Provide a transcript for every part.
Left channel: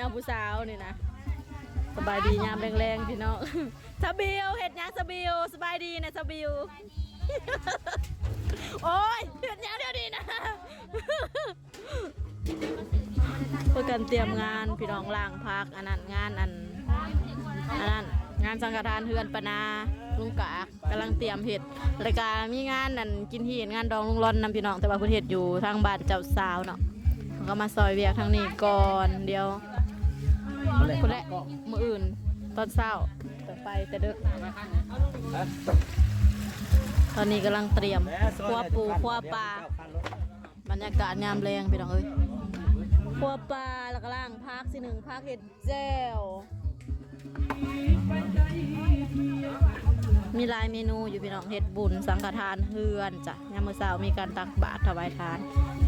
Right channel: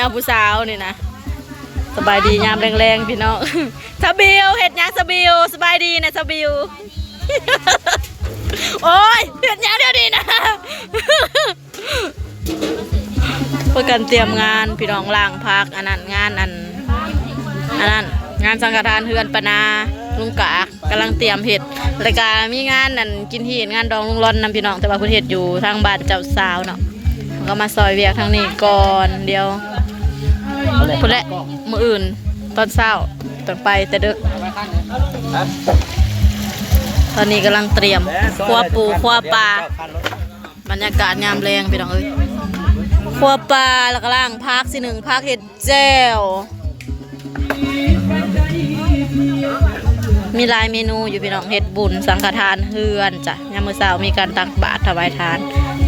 เอาผู้สาวนี่นะสบายดียามแรงๆพี่น้องสบิวเห็ดยังสบิวสบายดีนะสบิวโอ้ยเห็ดยังเดี๋ยวนี้นะเพื่อกันเตรียมงานพี่น้องล่างพักอันนั้นงานอันนั้นงานสังฆทานเฮือนปนาลุงกะกำลังเตรียมเห็ดรายการมีงานนั่นกินที่งานดองลุงร้อนนำพี่น้องแต่ว่าเพื่อเห็ดอยู่ทางบ้านเจ้าสาวเนาะก็มาซอยเวียกทางนี้ก่อนเดียวพุ่นแหละมื้ออื่นตอนเช้าต้องไปแต่ดึกตอนนี้กำลังเตรียมคั่วปูคั่วปลาบรรยากาศยามแรงพี่น้องเอ้ยคั่วปลาแล้วก็ล่างพักสิหนึ่งพักเห็ดแจ่วมีหลายเมนูอยู่พี่น้องเห็ดบุญสังฆทานเฮือนจ้ะยามมื้อเช้ามีการตักบาตรถวายทาน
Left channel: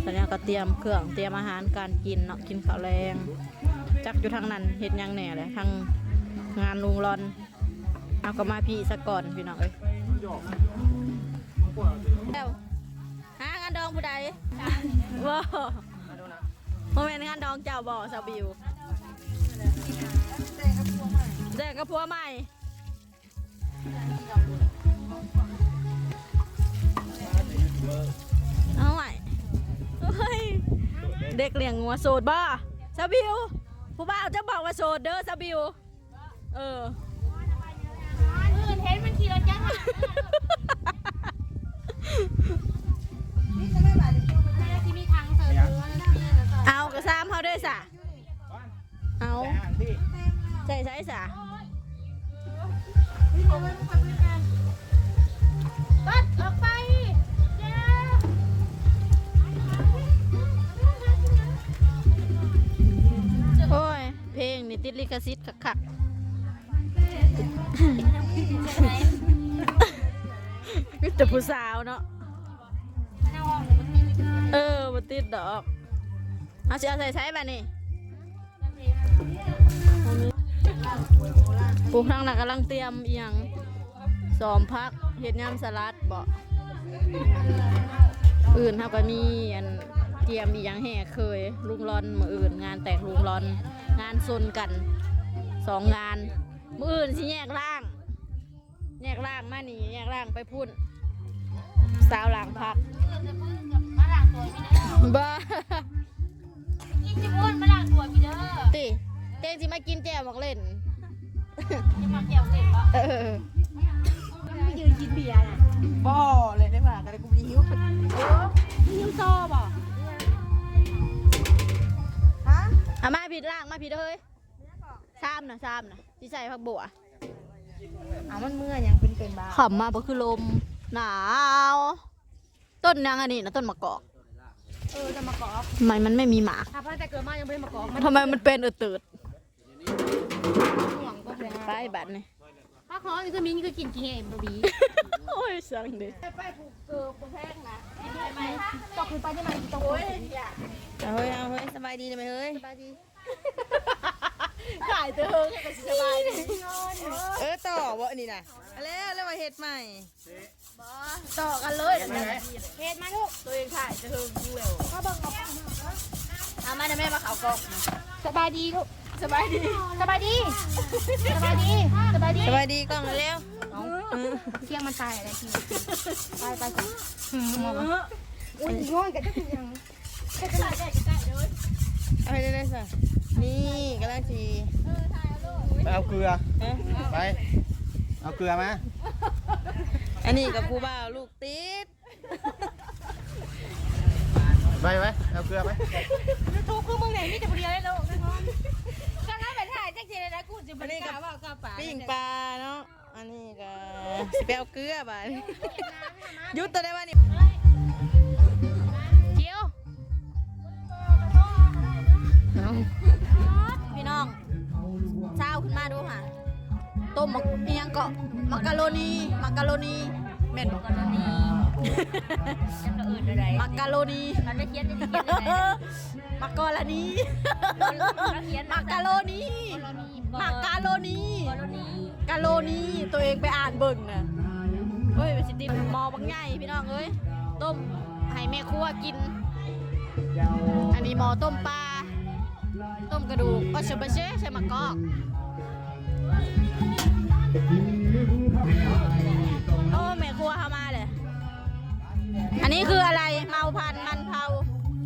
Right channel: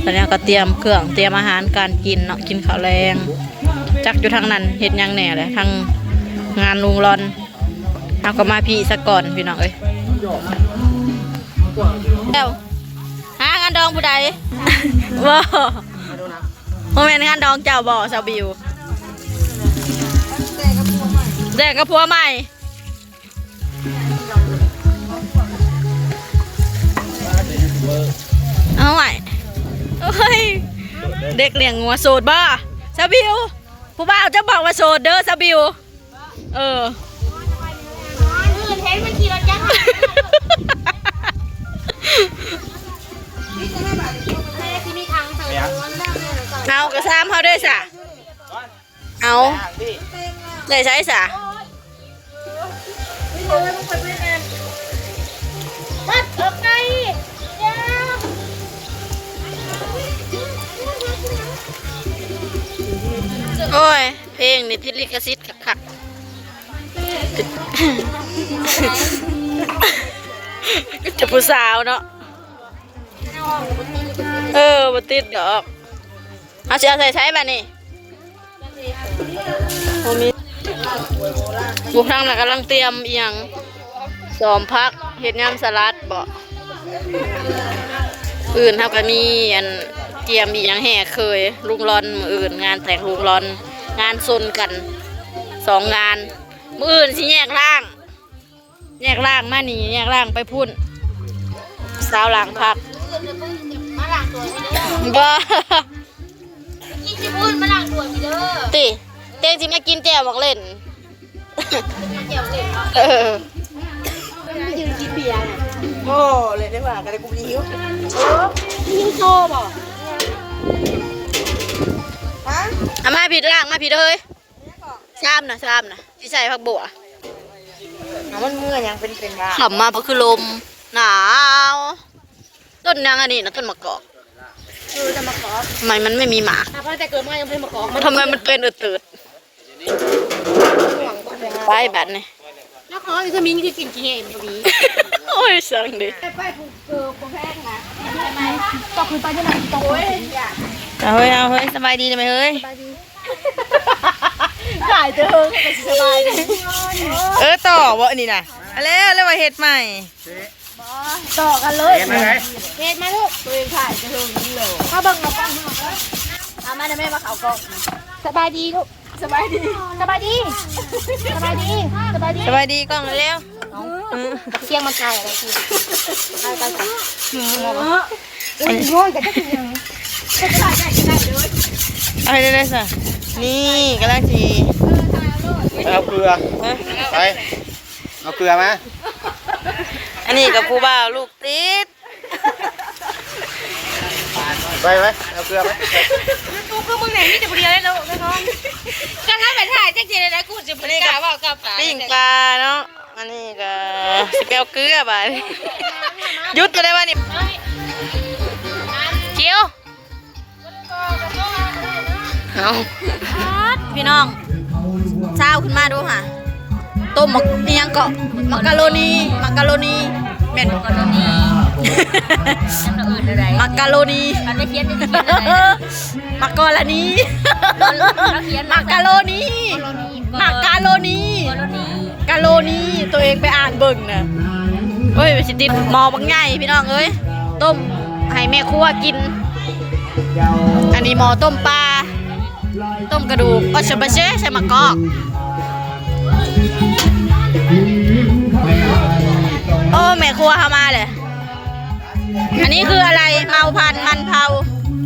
ตอนนี้ก็เตรียมเครื่องเตรียมอาหารการกินเนาะกินข้าวแรงจักอยู่ทางนั้นเห็ดยังแหน่เลยทางงานลุงรอนเอาก็มาพี่ซะก่อนพี่น้องเอ้ยแล้วหางานดองผู้ใดบ่โมเมนต์งานดองเจ้าบ่ชาวบิวแดกกับผัวใหม่เอาใหม่เฮ้ยเด็กเลี้ยงงัวโสดบ่ชาวบิวผู้บ่าวจะบอกว่าโสดเด้อชาวบิวเห็นมันขี่รถจักรเอากระซ้ำเขาด้วยสะเอาใช้สะโอ้ยเพลงนี่ทิศลิขสิทธิ์คักจะผู้สาวเนาะบัติดดอกเอาเสียใช้แบบนี้กูทางน่ะกำลังเตรียมเอียงสอมพักเห็ดยำสลัดบ่อื่นเท่ากับมีอันเตรียมอีกอย่างแห่เคยลุงร้อนมืออื่นงานแต่งลุงร้อนงานซนกัน2 งานมืออื่นสิแยกร่างมานี่แยกร่างไปพุ่นสาวหลังพักบ้ากินสิพุ่นมาหลังด่วนเด้อติเต้งสิมากินแจ่วบอกเล่นแจ่วเล่นไม่ยืนกินเบียร์น่ะโอ้เลยได้ว่ากันเลยกูมีหิวหิวโซ่บ่ฮะมาผิดร่างมาผิดเลยชามนะที่ใส่ผักบัวมันเมื่อยังเป็นว่าขำมาเพราะคือลมหนาวต้นยังอันนี้นะต้นมะกอกต้นมะกอกมันไม่มีหมากแต่เกิดมายังเป็นมะกอกทำไมมันเป็นอืดไปแบบนี้ถ้าเขาวิตามินคือกินกี่เห็นพอดีโอ้ยสั่งดิไปผูกเกลือผูกแพงนะก็คือไปที่ไหนตรงเอาเฮ้ยสบายดีไหมเฮ้ยขายเถอะไปสบายดีต่อวะนี่นะแล้วมาเฮ็ดใหม่ต่อกันเลยเฮ็ดมาลูกตัวเองขายจะเฮิงนี่เลยถ้าเบิ่งเราปั้งเอามาเดี๋ยวแม่มาเขากองสบายดีลูกสบายดีกล้องเร็วเสียงมันไกลอะไรทีไปโง่แต่ก็คือยังอะไรได้สินี่กำลังจีเอาเกลือไปเอาเกลือมาอันนี้กับผู้บ่าวลูกติดไปเอาเกลือไปกูคือมึงไหนนี่จะเรียนได้แล้วกันน้องกันถ้าเป็นถ่ายแจ๊กเจนนะกูจะบริการว่ากับปิ้งปลาเนาะอันนี้ก็สเปลเกลือไปยุดจะได้ว่านี่เคี้ยวเอาพี่น้องเช้าขึ้นมาดูค่ะต้มหมักนี่ยังเกาะมักกะโรนีเม็ดมักกะโรนีมักกะโรนีมันไม่เขียนจะเขียนอะไรมักกะโรนีมักกะโรนีตัวเองไปอ่านเบิ่งนะเฮ้ยไปสิติดหมอบางใหญ่พี่น้องเอ้ยต้มให้แม่ครัวกินอันนี้หมอต้มปลา ต้มกระดูกออชบะเช่ใส่มะกอกโอ้แม่ครัวเข้ามาเลยอันนี้คืออะไรเมาพันมันเผา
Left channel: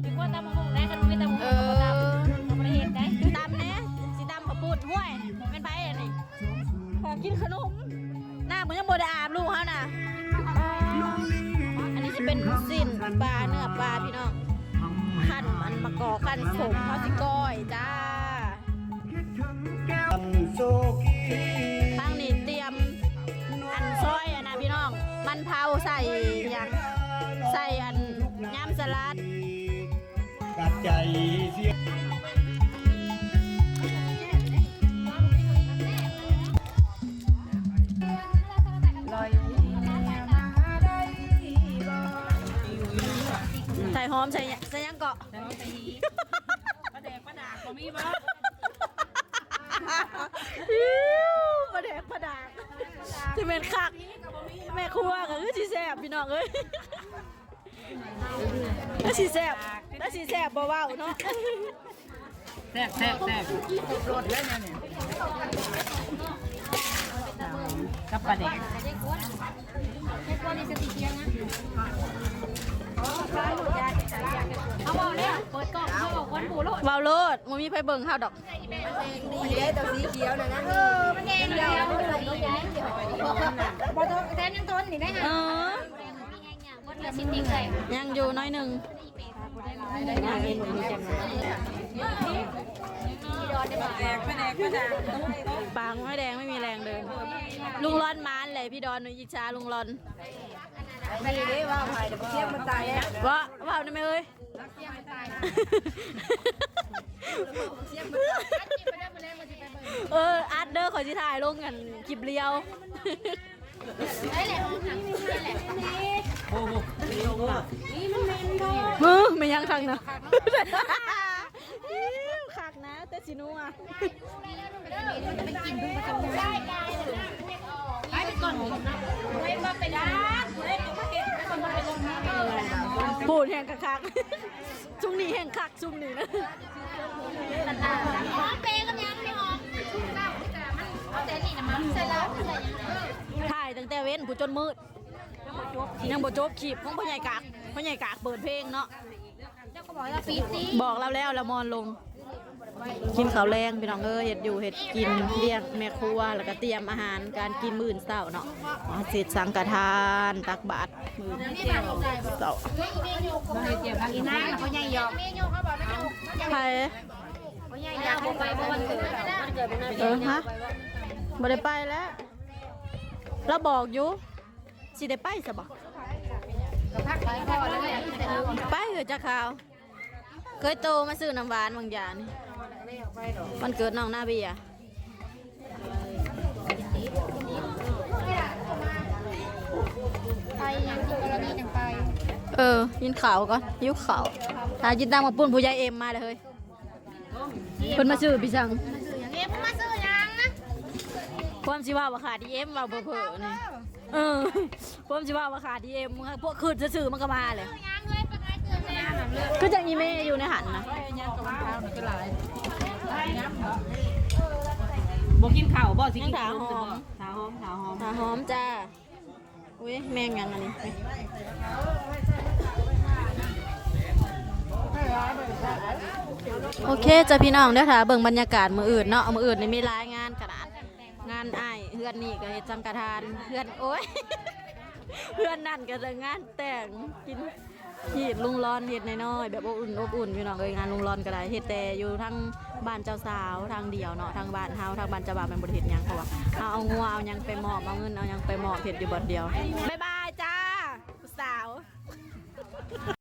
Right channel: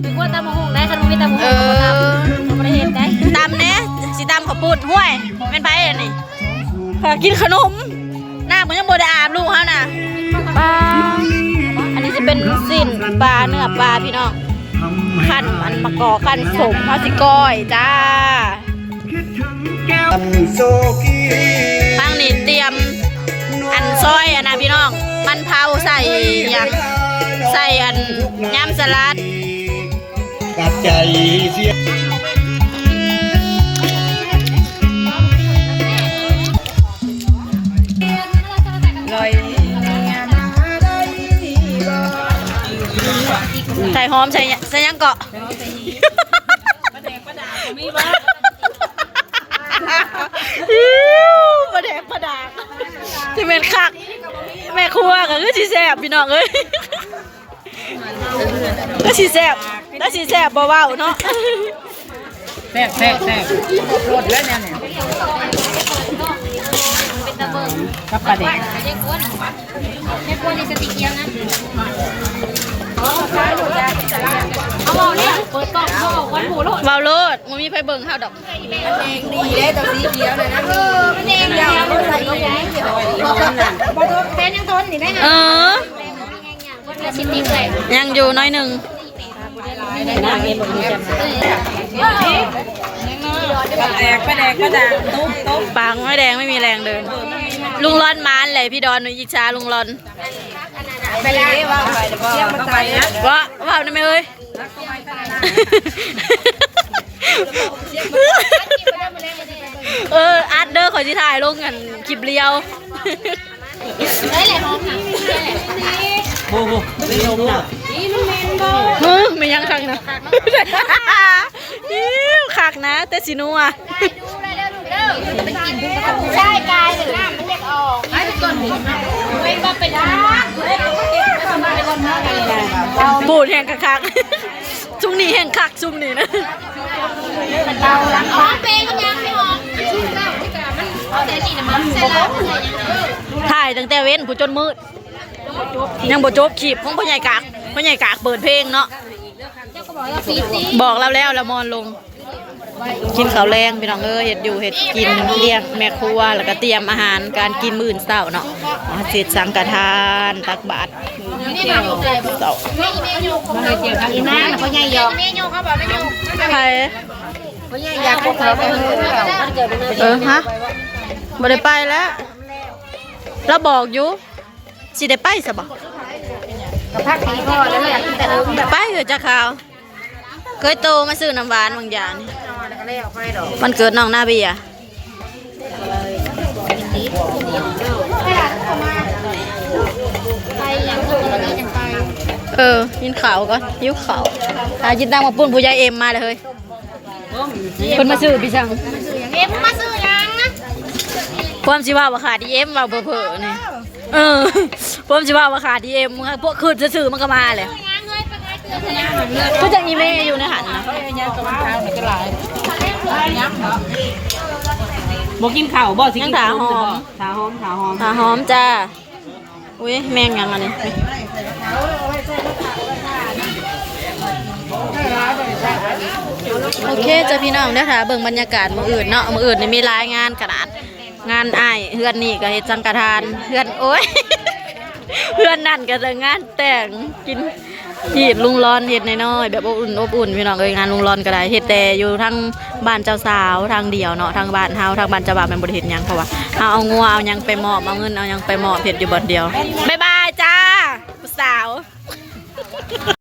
ถึงว่าตำมะฮุ่งได้ขนมมีตำมะฮุ่งประเทศได้ ตำเนี้ยสิตำข้าวปุ้นห้วยเป็นไปอันนี้กินขนมหน้าเหมือนยังโบได้อาบลูกเขาน่ะปลาอันนี้จะเป็นสิ้นปลาเนื้อปลาพี่น้องขั้นมันมะกอกขั้นสมพาสิก้อยจ้าทางนี้เตรียมอันซอยอันนะพี่น้องมันเผาใส่อย่างใส่อันยำสลัดกับใจเสียใส่หอมใส่ยังเกาะประแดกประดาไม่บ้าประแดกประดาที่เป็นคักแม่ครัวก็คือสีแสบพี่น้องเอ้ยก็สีแสบแล้วสีแสบเบาๆเนาะแซ่บรสแล้วเนี่ยกับปลาแดกเด็กวนในสติเกียวนะเอาเบาเนี่ยเปิดกล่องเขาเอาวันหมูโลด เบาโลดมันมีไฟเบิ่งข้าวดอกดีได้ตัวสีเขียวเลยนะมันเองเดียวใส่ยังไงบอลแฟนยังทนนี่ได้นะยังอยู่น้อยหนึ่งปลาแดกตุ๊บปางไม่แดงไม่มีแรงเดินลุงร้อนมานเลยพี่ดอนหนูอิจฉาลุงร้อนไปเลยว่าไปเที่ยวมันไปนะว่าได้ไหมเอ้ยอาร์ตเดอร์ขอที่ถ่ายลงกันคลิปเลี้ยวได้เลยน้องค่ะโอ้โหเลี้ยวนะ ไม่ยังคักนะคักนะแต่สินัวใช่กายหรือน้ำมันอยากออกให้เป็นก้อนหินเป็นว่าเป็นปูดแห้งคักชุ่มนี่แห้งคักชุ่มนี่นะอ๋อเปย์ก็ยังไม่ออกเดี๋ยวนี่นะมันเสร็จแล้วถ่ายตั้งแต่เว้นผู้จนมืดยังบ่จบขีบของพ่อใหญ่กากเปิดเพลงเนาะบอกเราแล้วละมอนลงกินข้าวแรงพี่น้องเฮ็ดอยู่เฮ็ดกินเลี้ยงแม่ครัวแล้วก็เตรียมอาหารการกินมื้อเช้าเนาะเสร็จสังฆทานตักบาตรเช้าอีน้าเขาใหญ่ยอกเขาบอกไม่ยอกใครเขาใหญ่อยากพวกเขาไปฮะบ่ได้ไปแล้วเราบอกอยู่สิได้ไปซะบ่พักนี้พ่อแล้วอยากกินแต่ไปเถอะจ้าข่าวเคยโตมาซื้อน้ำหวานบางอย่างนี่มันเกิดน้องนาเบียไปยังพวกเราไม่ยังไปยินข่าวก่อนยิ้วข่าวยินดังมาปุ่นผู้ใหญ่เอ็มมาเลยเฮ้ยคนมาซื้อพี่ช่างเอ็มมาซื้อยังนะความสิว่าขาดดีเอ็มว่าเผลอๆนี่ความสิว่าขาดดีเอ็มพวกคืนจะซื้อมันก็มาเลยก็จะอีเมย์อยู่ในหันนะบอกกินข้าวบอกสิยังถาหอมถาหอมจ้าอุ้ยแมงยังอันนี้โอเคจ้าพี่น้องเด้อค่ะเบิ่งบรรยากาศมื้ออื่นเนาะมื้ออื่นนี่มีรายงานขนาดงานอ้ายเฮือนนี่ก็เฮ็ดสังฆทานเฮือนโอ้ยเฮือนนั่นก็จะงานแต่งกินที่ลุงร้อนเฮ็ดน้อยๆแบบอบอุ่นพี่น้องเอ้ยงานลุงร้อนก็ได้เฮ็ดแต่อยู่ทั้งบ้านเจ้าสาวทางเดียวเนาะทางบ้านเฮาทางบ้านเจ้าบ่าวแม่นบ่ได้เฮ็ดหยังเพราะว่าเฮาเอางัวเอาหยังไปมอบเอาเงินเอาหยังไปมอบเฮ็ดอยู่บ่อนเดียวบ๊ายบายจ้าผู้สาว